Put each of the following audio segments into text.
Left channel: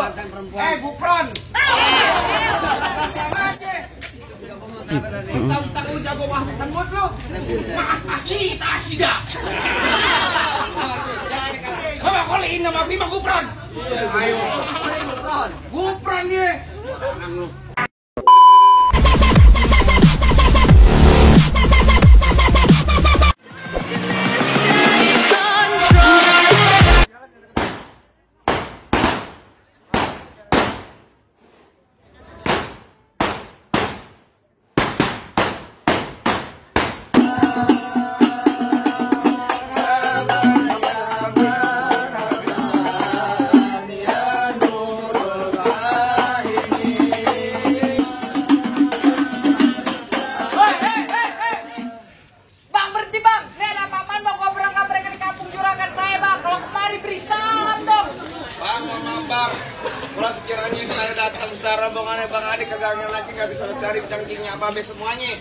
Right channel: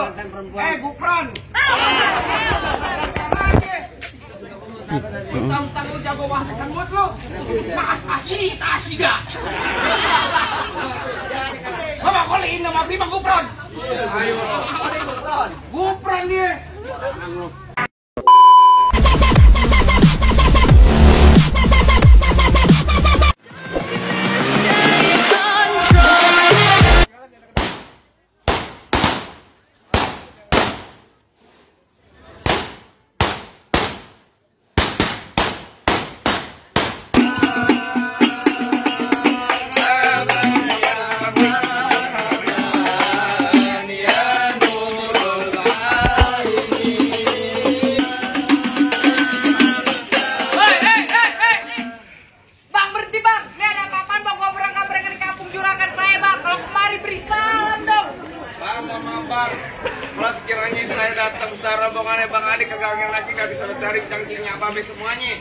lu. Gupron. Tentang lu jago bahasa semut lu. Mas ini tasida. Bapak koliin nama Bima Gupron. Ayo, Gupron. Gupron nih. Kalau sekiranya saya datang saudara rombongannya Bang Adi kagak lagi nggak bisa dari cangkingnya babe semuanya.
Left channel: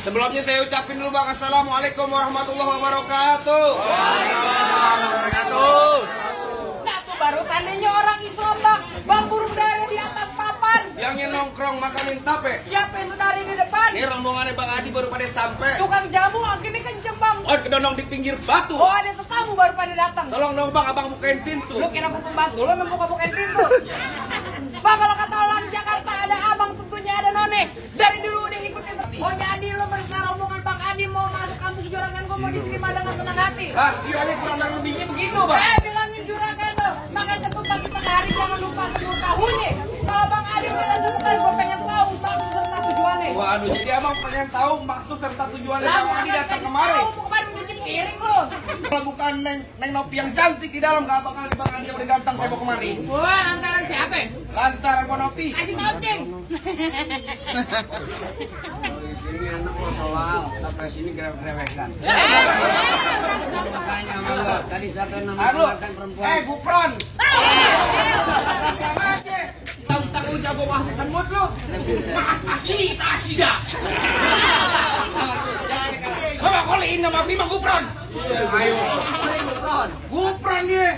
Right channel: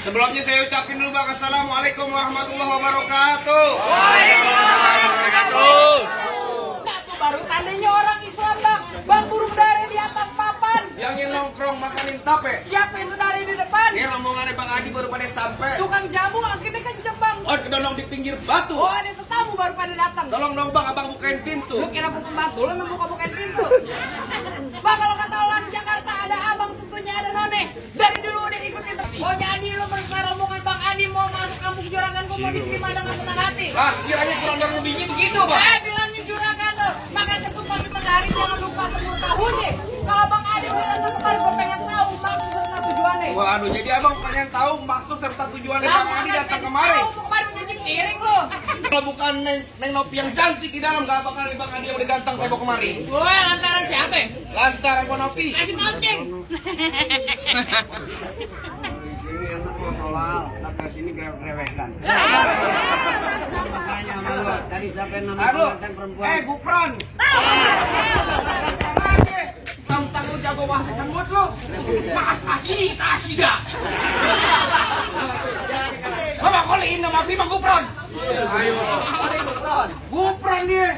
Sebelumnya saya ucapin dulu Bang, assalamualaikum warahmatullahi wabarakatuh. Waalaikumsalam wabarakatuh. Nah tuh baru tandanya orang Islam Bang. Bang burung dari di atas papan. Yang ini nongkrong makanin tape. Siapa yang sedari di depan? Ini rombongannya Bang Adi baru pada sampai. Tukang jamu akhirnya kenceng Bang. Oh kedonong di pinggir batu. Oh ada tetamu baru pada datang. Tolong dong Bang, abang bukain pintu. Lu kira aku pembantu, lu buka-bukain pintu. Bang kalau kata orang Jakarta ada abang tentunya ada none. Dari dulu udah ngikutin. Oh jadi lu bersama rombongan Bang Adi mau masuk kampung Juragan, gua mau diterima dengan senang hati. Pas kiranya kurang dan lebihnya begitu Bang. Bilangin Juragan tuh, makanya cepet pagi tengah hari jangan lupa ketemu tahunnya. Kalau Bang Adi udah lupa, gua pengen tahu maksud serta tujuannya. Waduh, jadi abang pengen tahu maksud serta tujuannya Bang Adi datang kemari. Bukan cuci piring lo. Kalau bukan Neng Nopi yang cantik di dalam, gak bakal Bang Adi yang udah ganteng saya bawa kemari. Wah, lantaran siapa? Lantaran Bang Nopi. Kasih tahu, Ceng. Ini anak lo halal, tapi sini grewek-grewekan. Makanya malu. Tadi siapa yang namanya mantan perempuan? Gupron. Tentang lu jago bahasa semut lu. Mas ini tasida. Bapak koliin nama Bima Gupron. Ayo, Gupron. Gupron nih.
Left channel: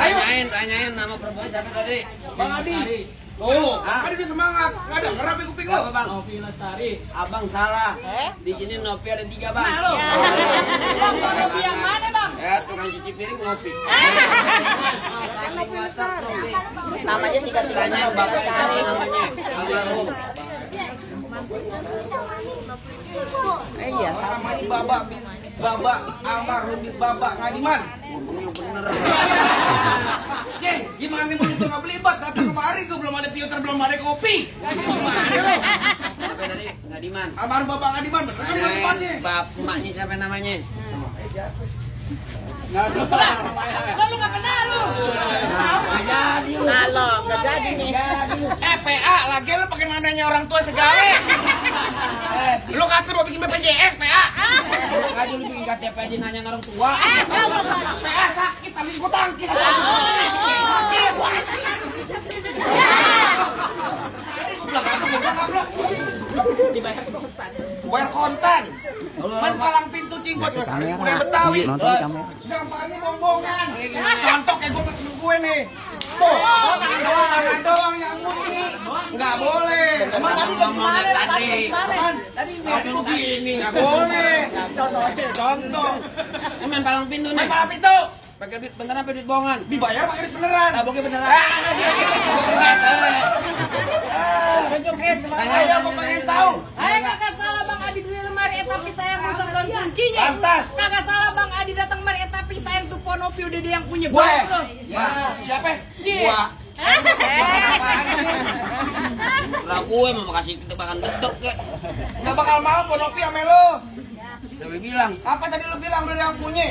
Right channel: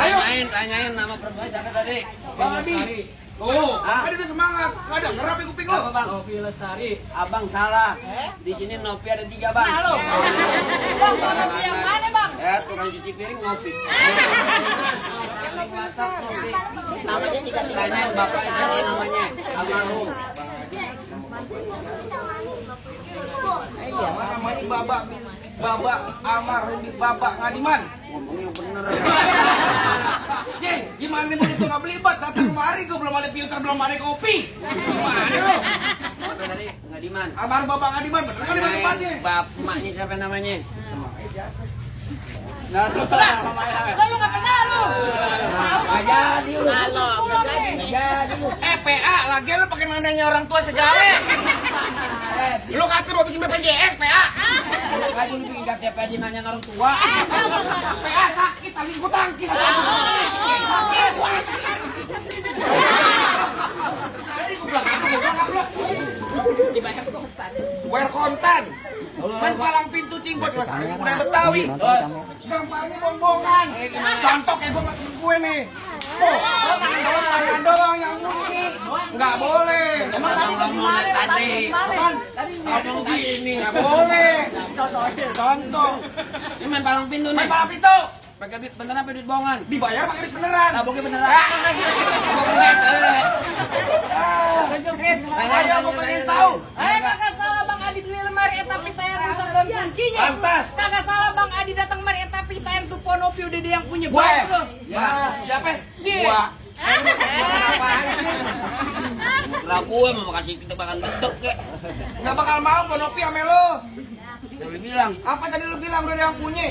Ayo. Tanyain nama perempuan siapa tadi? Bang Adi. Oh, Adi udah semangat. Nggak ada ngerapi kuping lu. Apa Bang? Nopi Lestari. Abang salah. Di sini Nopi ada 3 Bang. Halo. Bang, Nopi yang mana Bang? Tukang cuci piring Nopi. Masak Nopi. Namanya diganti. Tanyain bapak siapa namanya? Almarhum. Iya, namanya Babak almarhum di Babak Ngadiman. Ngomongnya bener. Jeng, gimana nih begitu nggak belibet? Datang kemari gue belum ada filter, belum ada kopi. Gimana lu? Siapa tadi? Ngadiman. Almarhum Babak Ngadiman, bener kan di tempatnya? Emaknya siapa namanya? Lu nggak kenal lu. Nggak jadi lu. Nggak jadi lu. PA, lagi lu pakai nanya orang tua segala. Lu kata mau bikin BPJS, PA. Enak aja lu bikin KTP aja nanya orang tua. PA sakit, tadi gue tangkis. Sakit. Tadi gue bilang apa, gue bilang apa. Dibaca ke kontan. Bayar kontan. Main palang pintu Cimbot, mas. Udah Betawi. Gampangnya bongbongan. Contoh kayak gue nggak gue nih. Oh, tangan doang yang bunyi. Nggak boleh. Ngomong tadi. Tadi Gini. Nggak boleh. Contoh. Ini main palang pintu nih. Main palang pintu. Pakai duit beneran apa duit bohongan? Dibayar pakai duit beneran. Taboknya beneran. Ayo mau pengen tahu. Ayo kakak salah Bang Adi beli lemari tapi sayang rusak dan kuncinya. Lantas. Kakak salah Bang Adi datang lemari tapi sayang tuh Ponopi udah dia yang punya. Gue. Ya. Siapa? Gua. Apaan sih? Lah gue mau kasih kita makan dedek kek. Nggak bakal mau Ponopi sama lo. Tapi bilang. Apa tadi lu bilang udah yang punya?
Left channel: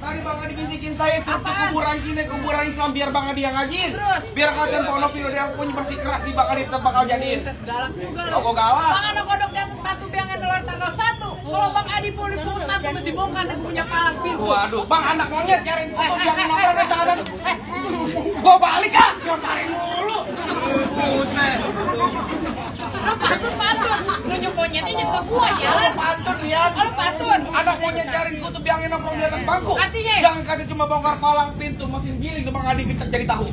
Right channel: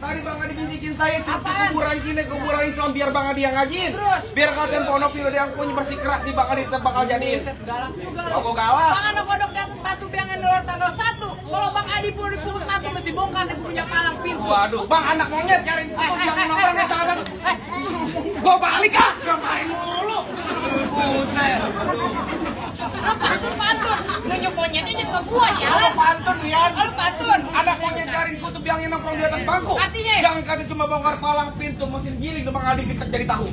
Tadi Bang Adi bisikin saya itu kuburan Cina, kuburan Islam biar Bang Adi yang ngajin. Biar kalian Ponopi udah yang punya pasti keras di bakal bakal jadi. Galak juga. Kok galak? Bang anak kodok di atas batu biangnya dolar tanggal 1. Kalau Bang Adi pulih mati mesti bongkar dan punya palang. Waduh, Bang anak monyet cari foto jangan nongkrong di sana. Gua balik ah, gamparin mulu. Buset. Pantun. Nunjuk monyetnya ke gua jalan. Pantun Rian. Lu pantun. Anak monyet jaring kutub yang nongkrong di atas bangku. Artinya? Jangan kata cuma bongkar palang pintu mesin giling Demang Adi pecah jadi tahu.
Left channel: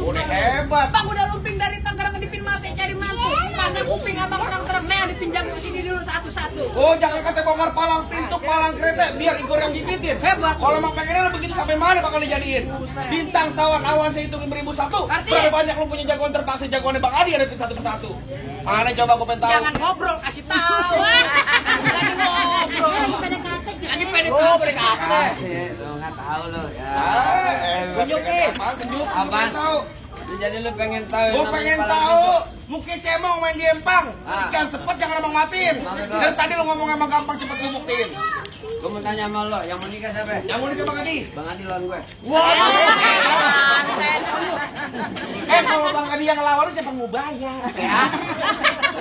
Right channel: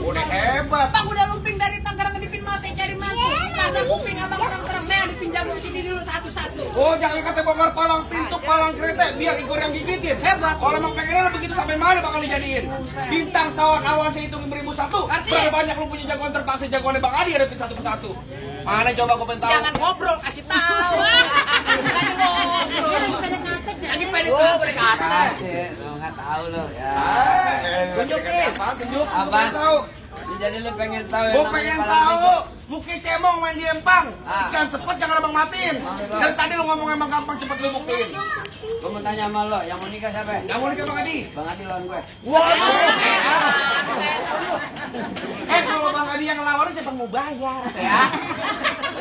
Udah hebat. Bang udah lumping dari Tangerang ngedipin mati cari mangkuk. Masa kuping abang terang-terang. Nah dipinjam sini dulu satu-satu. Oh jangan kata bongkar palang pintu, palang kereta biar Igor yang gigitin. Hebat. Kalau emang pengennya begitu sampai mana bakal dijadiin? Bintang sawan awan saya hitung 1001. Berapa banyak lu punya jagoan terpaksa jagoannya Bang Adi ada satu persatu. Mana coba gue pengen tahu. Jangan ngobrol, kasih tahu. Jangan ngobrol. Lagi PDKT. Nggak tahu lo ya. Tunjukin. Tunjuk. Apa? Tahu. Jadi lu pengen tahu yang Gue namanya pengen palang tahu. pintu? Mungkin cemong main di empang. Ah. Jangan cepet, jangan abang matiin. Dan tadi lu ngomong emang gampang cepet lu buktiin. Gue mau tanya sama lo, yang mau nikah siapa? Yang mau nikah Bang Adi? Bang Adi lawan gue. Kalau Bang Adi yang ngelawan siapa yang mau bayar? Ya.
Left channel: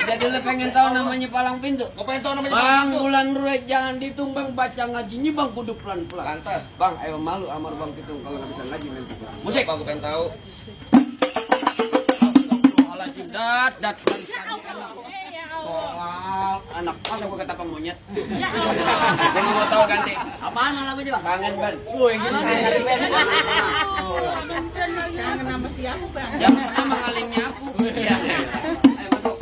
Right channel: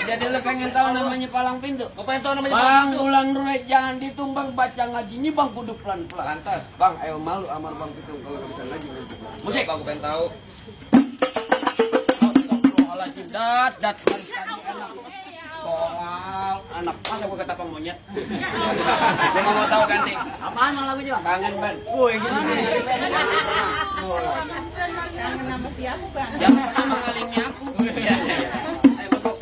Jadi lu pengen tahu namanya palang pintu? Gue pengen tahu namanya Bang itu. bulan rulet jangan ditumbang baca ngajinya bang kudu pelan-pelan. Lantas. Bang, ayo malu amar bang pitung kalau nggak bisa ngaji nanti. Musik. Gue pengen tahu. Astagfirullahaladzim, dat harus tadi enak. Tolak anak masa gue ketapang monyet. Gue nggak mau tahu ganti. Apaan malah lagunya bang? Kangen ban. Woi gini. Kangen sama siapa bang? Jangan pernah mengalingi aku. Ya. Ayo masuk.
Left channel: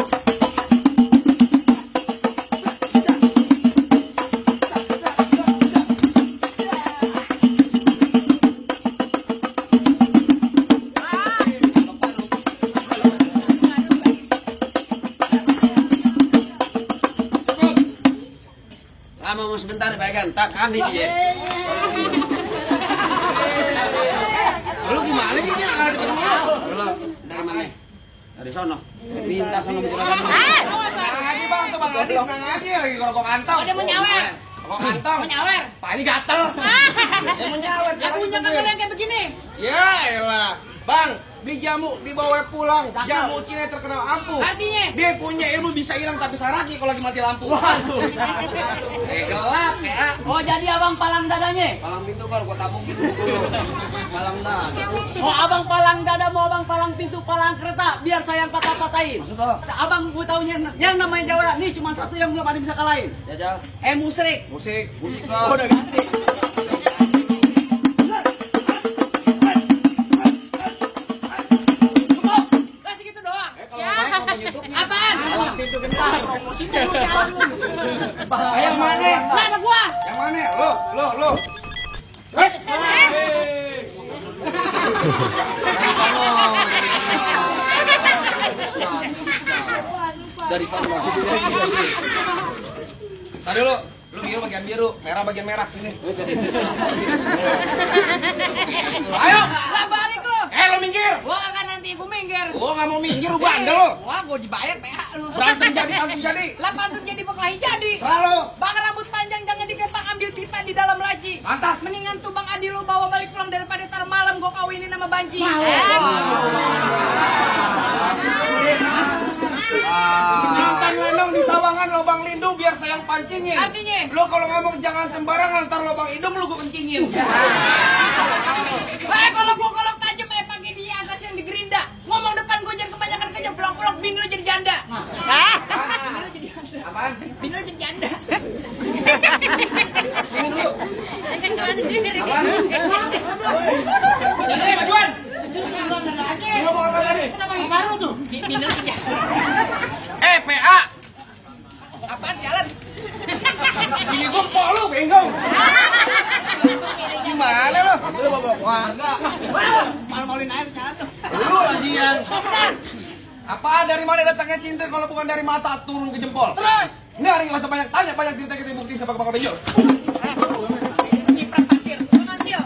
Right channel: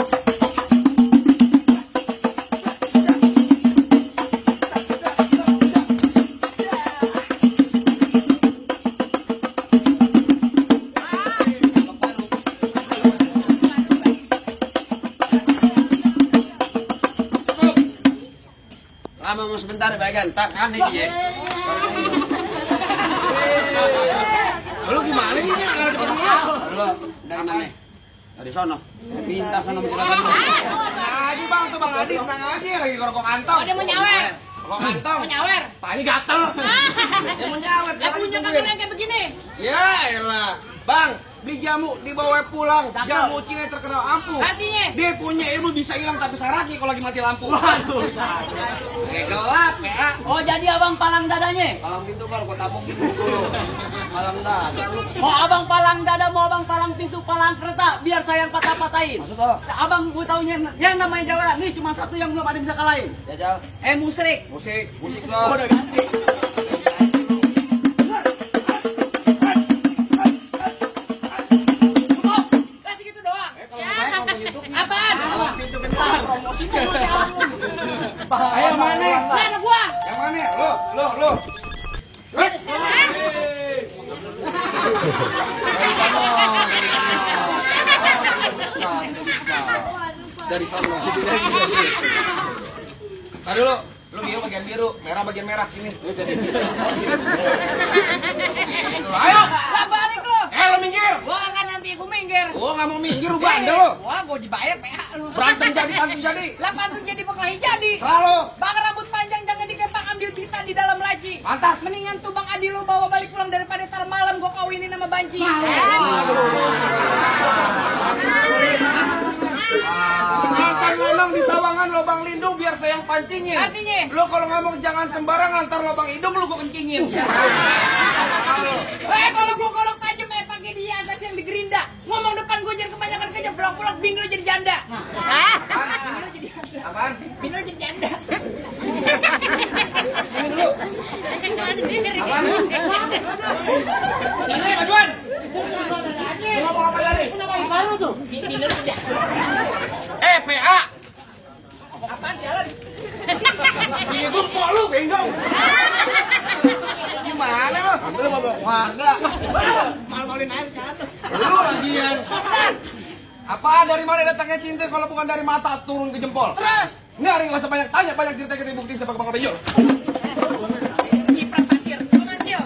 Lama mau sebentar bagian, tahan ini ya. Lu gimana nih? Lo dari mana? Dari sono. Minta sono menjelakan lo. Tenang aja Bang, tuh Bang Adi tenang aja lagi rokok kantong. Oh dia mau nyawer. Rokok kantong. Mau nyawer. Paknya gatel. Mau nyawer. Ya punya kangen yang kayak begini. Ya elah. Bang, beli jamu dibawa pulang. Jamu Cina terkenal ampuh. Artinya? Dia punya ilmu bisa hilang tapi syaratnya kalau lagi mati lampu. Waduh. Gelap ya. Oh jadi abang palang dadanya? Palang pintu kan kok tabung gitu. Palang dada. Oh abang palang dada mau abang palang pintu palang kereta biar saya yang patah-patahin. Maksud lo? Abang mau taunya yang namanya Jawa nih cuma satu yang belum ada yang bisa kalahin. Jajal. Musrik. Musik. Musik Oh lo. udah ganti. Cukup. Masih gitu doang. Kalau baik ngomong YouTube-nya. Apaan? Palang pintu bentar. Promosi mulu jalan lu. Ayo yang mana? Lah ada gua. Yang mana? Lo. Dari sono. Dari sono. Tadi dulu. Lu biru bagian biru, merah bagian merah sini. Ayo. Lah balik lu. Lo minggir. Gua kan nanti gua minggir. Gua nggak mau minggir, lu bandel lo. Wah, gua dibayar PA lu. Berantem jadi pantun jadi. Lah pantun jadi berkelahi jadi. Selalu. Bang rambut panjang jangan dikepang ambil pita di dalam laci. Pantas. Mendingan tuh Bang Adi lu bawa balik pulang daripada tar malam gua kawinin sama banci. Ikan lenong di sawangan lubang lindung biar sayang pancingin. Artinya? Lo kalau ngomong jangan sembarangan, ntar lubang hidung lu gua kencingin. Kalau gua kolok tajam pakai dia agas yang digerinda. Ngomong depan gua jangan kebanyakan kerja pulang-pulang bini lu jadi janda. Hah? Bini lu jadi janda. Apaan? Bini lu jadi janda. Ini dulu. Apaan? Ini majuan. Ngomong apa tadi? Baru tuh. Bini lu jadi janda. PA. Apaan sialan? Ini tumpok lu, gendong. Gimana lo? Lu bawa warga. Malu-maluin air jatuh. Lu lagian. Apaan dari mana datangnya cinta kalau bukan dari mata turun ke jempol? Terus. Ini hari nggak usah banyak tanya, banyak cerita kita bukti sepak bakal benjol. Nyiprat pasir. Menanggil.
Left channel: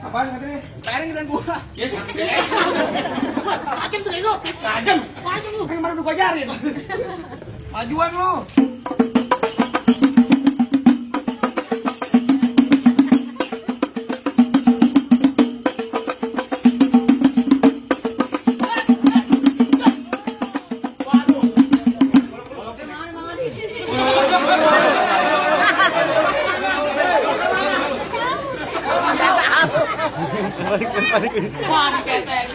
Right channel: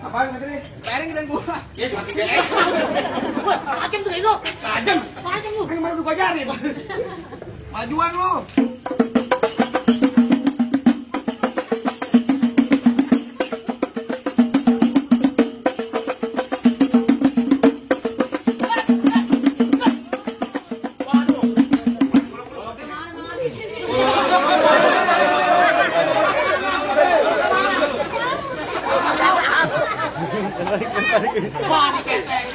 Apaan gitu nih? Bayarin kita gua. Yes, mati beres. Kajem tuh itu. Kajem lu, kayak mana lu ajarin? Majuan lu. Wah, diketek.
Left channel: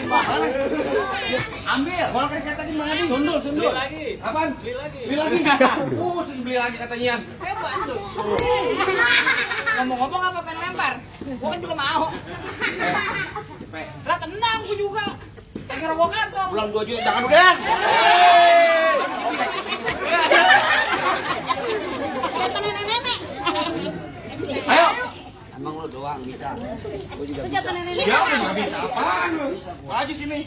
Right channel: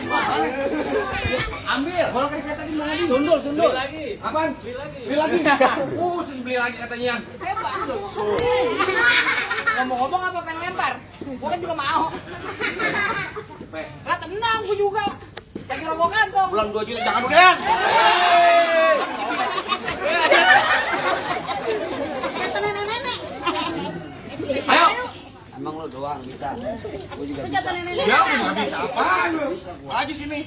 Ambil. Bola keriketan gimana nih? Sundul. Apaan? Beli lagi. Beli lagi katanya. Hebat lu. Ngomong-ngomong apa pengen lempar? Gua kan juga mau. Lah tenang gua juga. Lagi roboh kantong. Bulan 2 juta jangan udahan. Kata nenek-nenek. Ayo. Emang lu doang bisa. Gua juga bisa. Ya, nggak bisa apaan lu? Maju sini.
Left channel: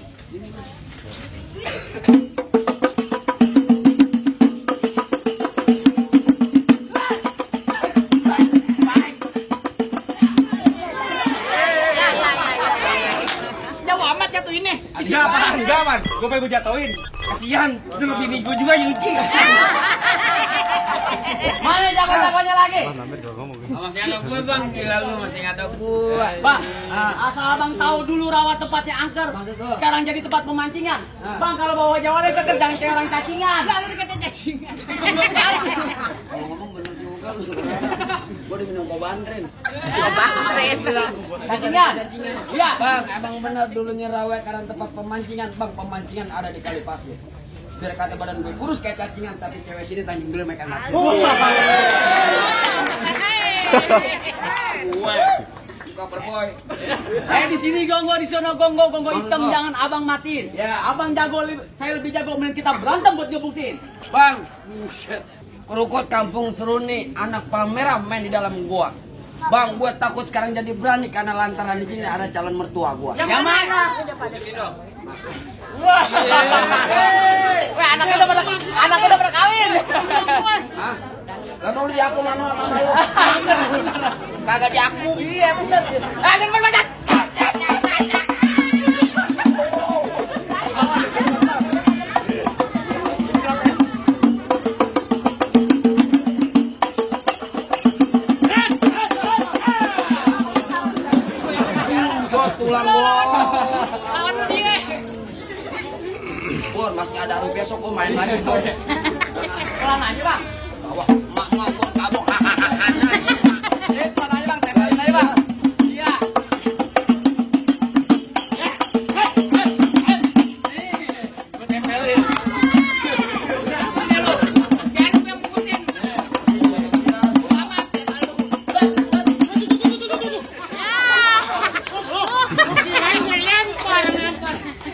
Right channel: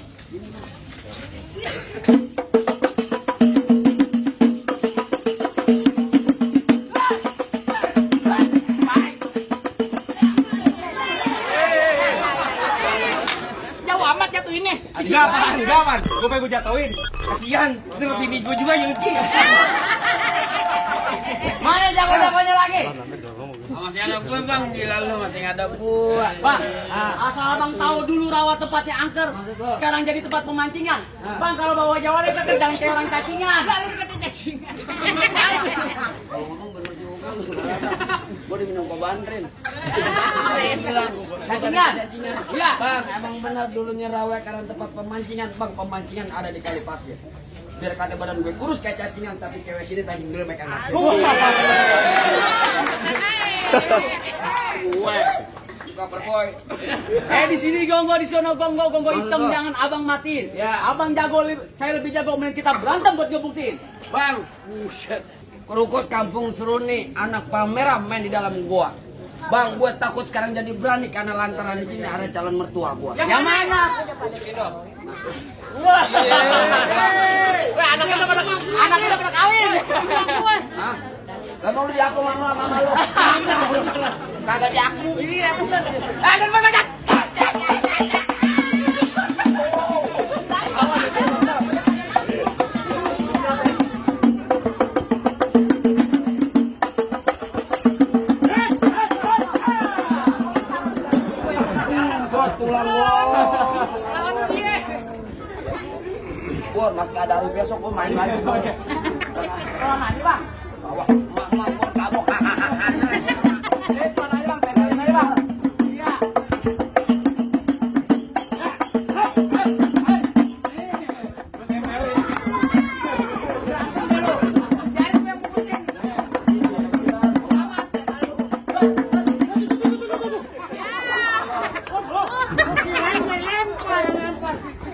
Jauh amat jatuhinnya. Gapan. Gue pengen gue jatuhin. Kasihan. Itu lebih nih gue juga yang nyuci. Mana jago-jagonya lagi? Masih ada gue bang, gila lu masih ada gue. Bang, asal abang tahu dulu rawa tempatnya angker, sekarang jadi tempat pemancingan. Bang, kalau bawa Jawa deh kata jangan kayak orang cacingan. Lalu kata cacingan. Kalau ngomong bener juga lu. Gue diminum kobantrin. Cacingan. Iya. Bang, abang benar dulunya rawe karena tempat pemancingan. Bang, pemancingan ada di Kali Pasir. Biar kata badan gue kurus kayak cacingan, tapi cewek sini Tanjung Duren mereka nafsu. Cover boy. Di sini gonggo, di sono gonggo hitam jangan abang matiin. Ya, abang jago, saya lebih jago main kita berantem buat ngebuktiin. Bang, buset. Kerukut kampung Seruni, anak pamerah main di dalam gua. Bang, gue takut sekarang jadi berani karena lantaran di sini ada calon mertua gua. Yang mana? Wah, anaknya udah pada kawin. Hah? Gak mau di aku mama lu. Kagak di aku. Iya bener. Dan banyak. Gua tulang gua. Lawan lu dia. Bor, masih ada hari besok gua main lagi, Bor. Pelan aja, Bang. Tawa, mak Bor kabok. Pelan aja, Bang. Pelan aja, Bang. Iya.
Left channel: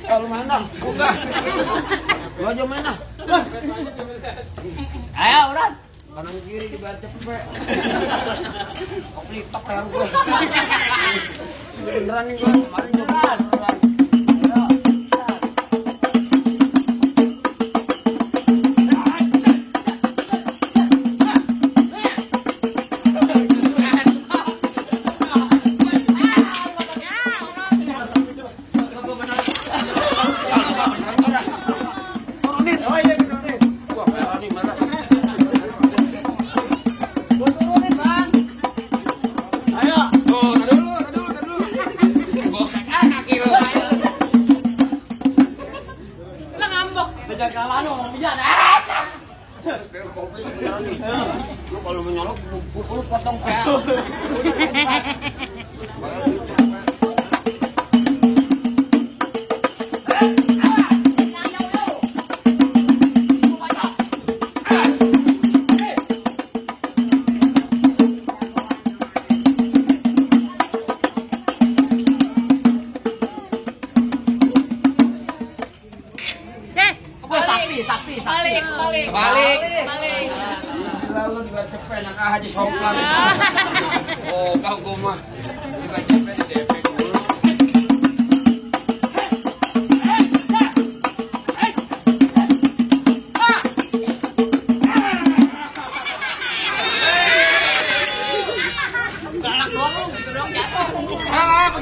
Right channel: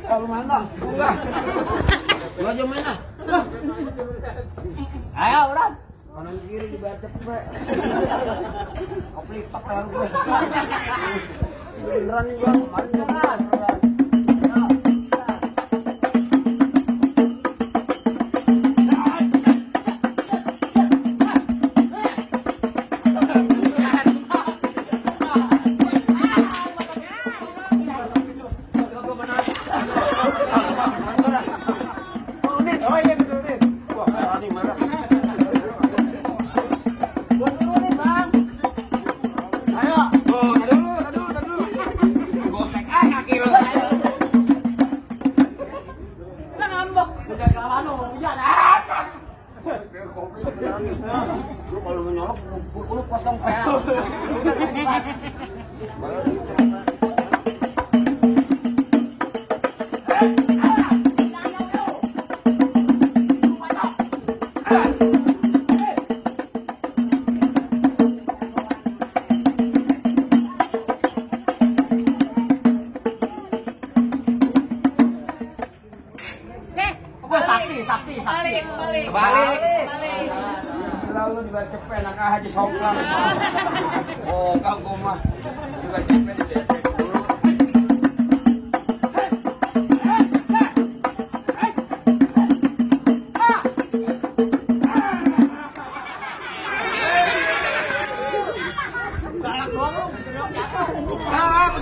Kalau mana? Enggak. Lu aja mana? Ayo, udah. Kanan kiri di bawah cepet. Koplitok leher gue. Beneran nih gue kemarin juga beneran. Turunin. Oh iya turunin. Wah, berani marah. Lu kalau menyolok, lu potong PA. Sakti. Balik. Lalu juga cepet nak haji soplan. Oh, kau gua mah juga cepet di DP dulu. Galak doang lu, gitu doang jatuh.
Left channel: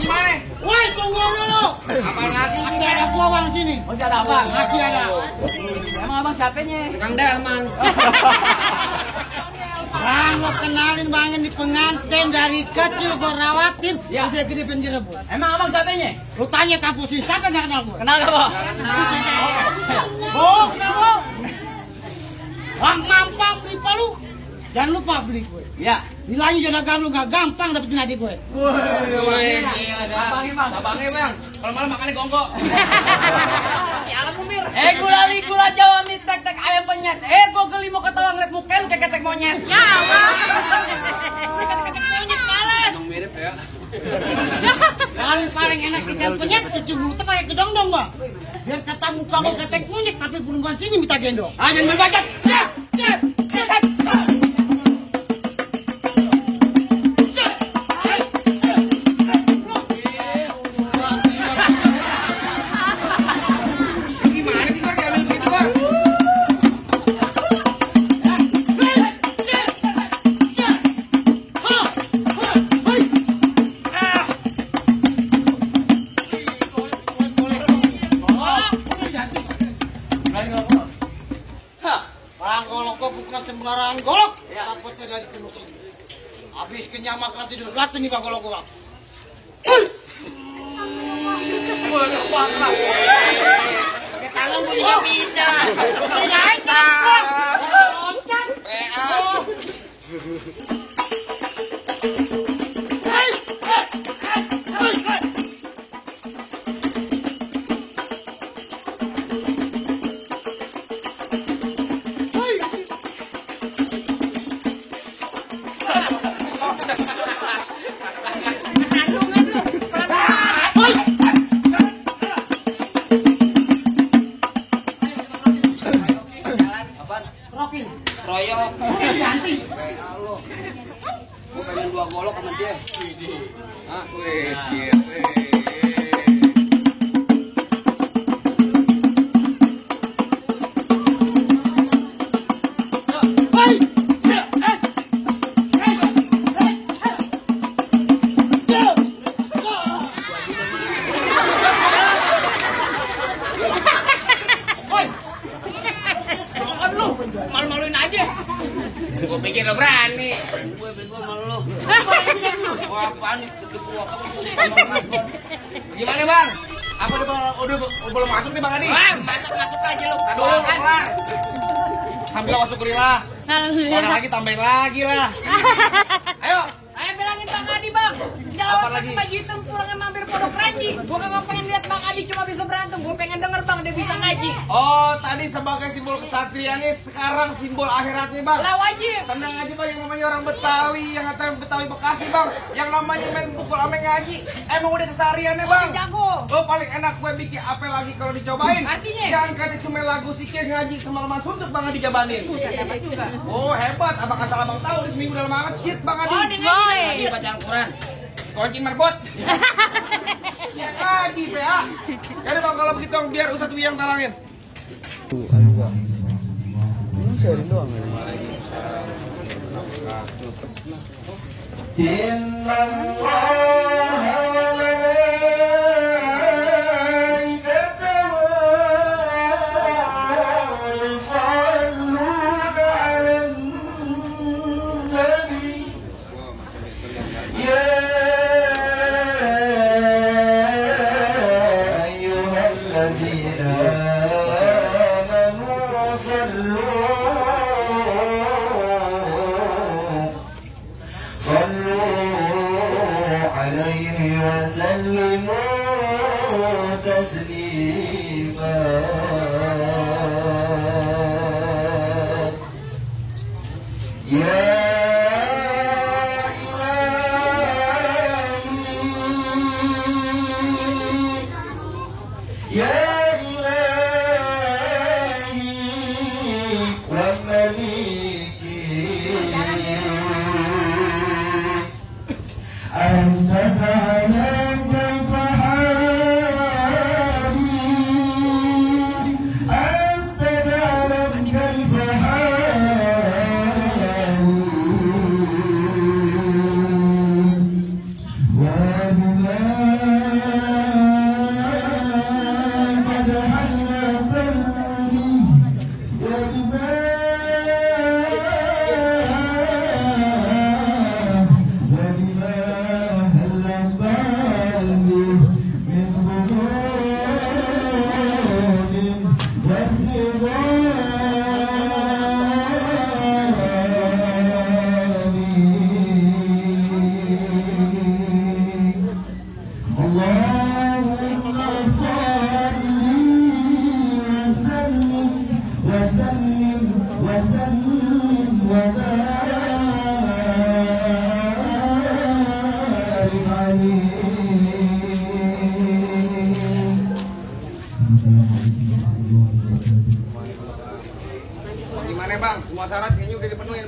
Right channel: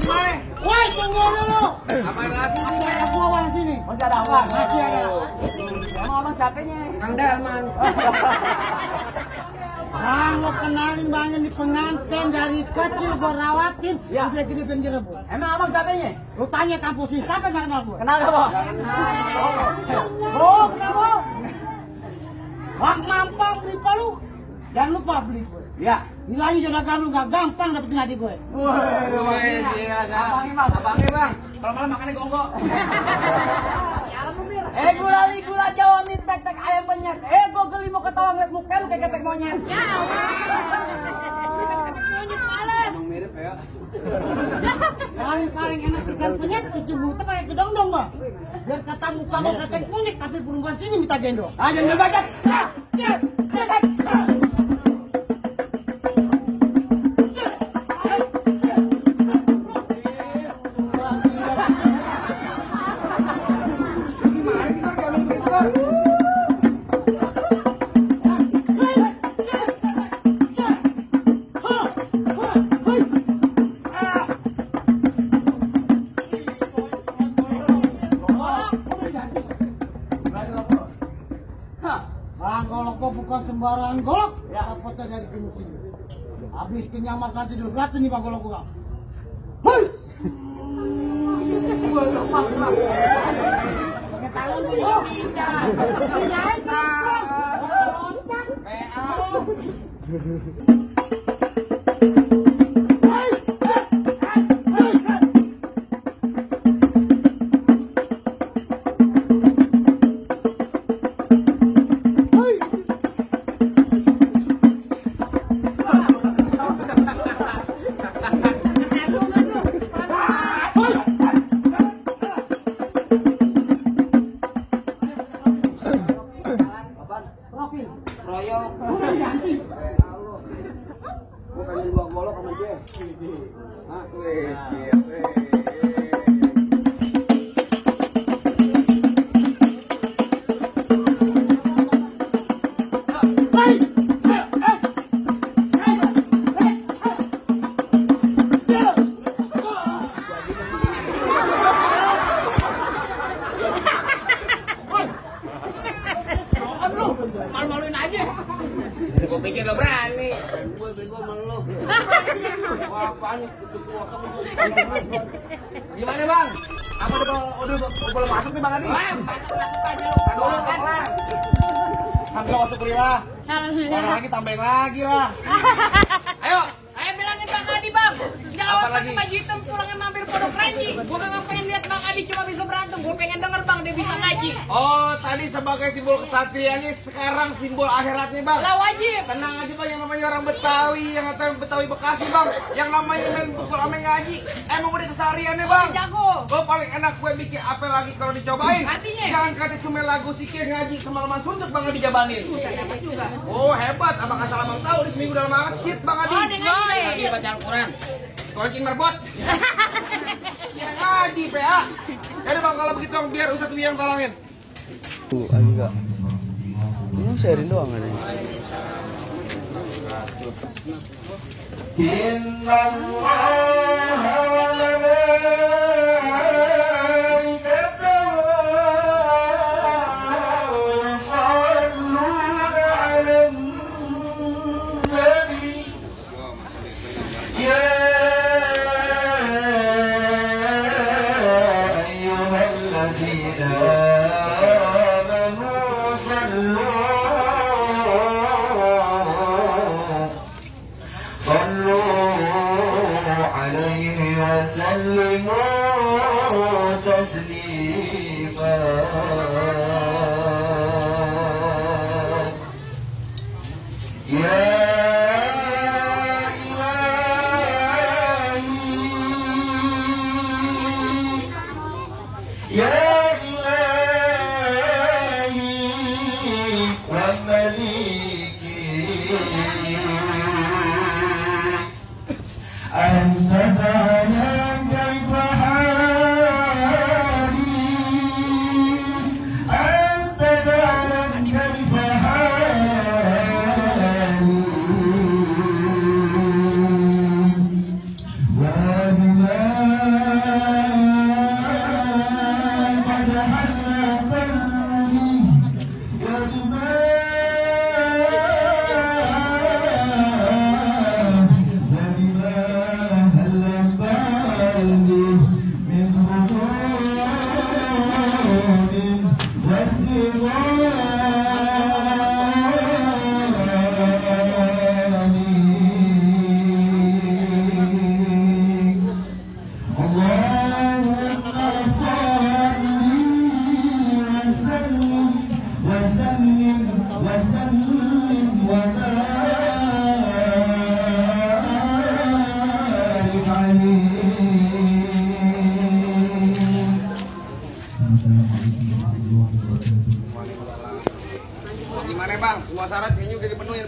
gimana? Woi, tunggu dulu. Apa lagi? Masih ada bawang sini. Masih ada apa? Masih ada. Emang abang siapanya? Kang Delman. Bang, lo kenalin Bang ini pengantin dari kecil gue rawatin. Ya. Udah gede penjerebut. Emang abang siapanya? Lu tanya kampus ini, siapa nggak kenal gue? Kenal gak, Bang? Oh, kenapa? Bang mampang beli palu. Jangan lupa beli gue. Ya. Bilangin juragan lu gak gampang dapetin adik gue. Abangnya bang. Kalau malam makannya gonggok. Si alam umir. Gula Jawa mie tek ayam penyet. Gue geli mau ketawa ngeliat muka lu kayak ketek monyet. Ketek monyet males. Emang mirip ya. Paling enak ikan penyet, cuci mulut pakai gedong dong bang. Biar kata muka lo ketek monyet, tapi perempuan sini minta gendong. Jangan berbacot. Gimana sih bang? Jangan begitu bang. Bang golok kok bukan sembarangan golok. Dapatnya dari pinus ini. Habis kenyang makan tidur, latih nih bang golok gua. Pakai tangan gue juga bisa. Kirain kan? Loncat. Sandungan lu. Pelan-pelan. Apaan? Rokin. Royok. Udah diganti. Gue pengen 2 golok sama dia. Hah? Wih, siap. Malu-maluin aja. Gue pikir lo berani. Gue bego sama lu. Wah, apaan nih? Kutu gua kamu. Gimana bang? Apa udah belum masuk nih bang Adi? Wah, masuk aja lu. Belum kelar. Hampir masuk lah. Kalau lagi tambahin lagi lah. Ayo. Ayo bilangin Bang Adi bang. Jangan Apa pakai lagi? baju hitam pulangnya mampir pondok ranji. Gue gak ngapain lihat Bang Adi cuma bisa berantem. Gue pengen denger bang dia bisa ngaji. Oh, tadi sebagai simbol kesatria nih, sekarang simbol akhiratnya bang. Lah wajib. Tenang aja bang, yang namanya orang Betawi, yang kata Betawi Bekasi bang, yang namanya main pukul ame ngaji, emang udah kesehariannya bang. Jago. Oh paling enak gue bikin apa lagi kalau dicobain. Artinya? Jangan kata cuma lagu sikir ngaji semalaman suntuk bang dijabanin. Buset dapat juga. Oh hebat, abang asal abang tahu di seminggu dalam masjid bang Adi. Oh, dia ngaji Lagi baca Al-Quran. Koncing merbot. Ya ngaji PA. Jadi bang kalau begitu biar Ustadz yang talangin. Wa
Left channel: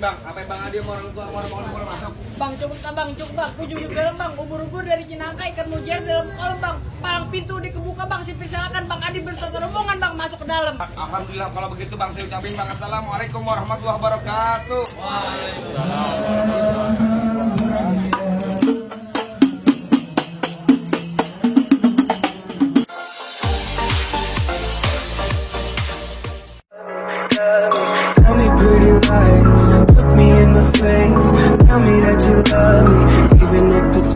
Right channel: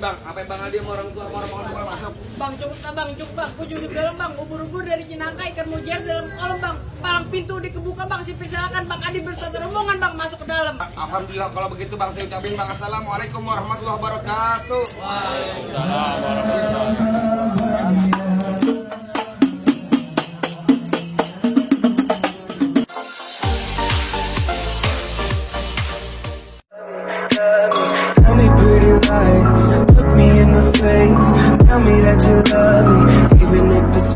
bang, apa bang Adi mau orang tua mau boleh masuk? Bang cukup bang, ujung juga bang, ubur-ubur dari Cinangka ikan mujair dalam kolam bang, palang pintu dikebuka bang, silakan bang Adi bersatu rombongan bang masuk ke dalam. Alhamdulillah kalau begitu bang, saya ucapin bang assalamualaikum warahmatullahi wabarakatuh. Tell me pretty lies, look me in the face. Tell me that you love me, even if it's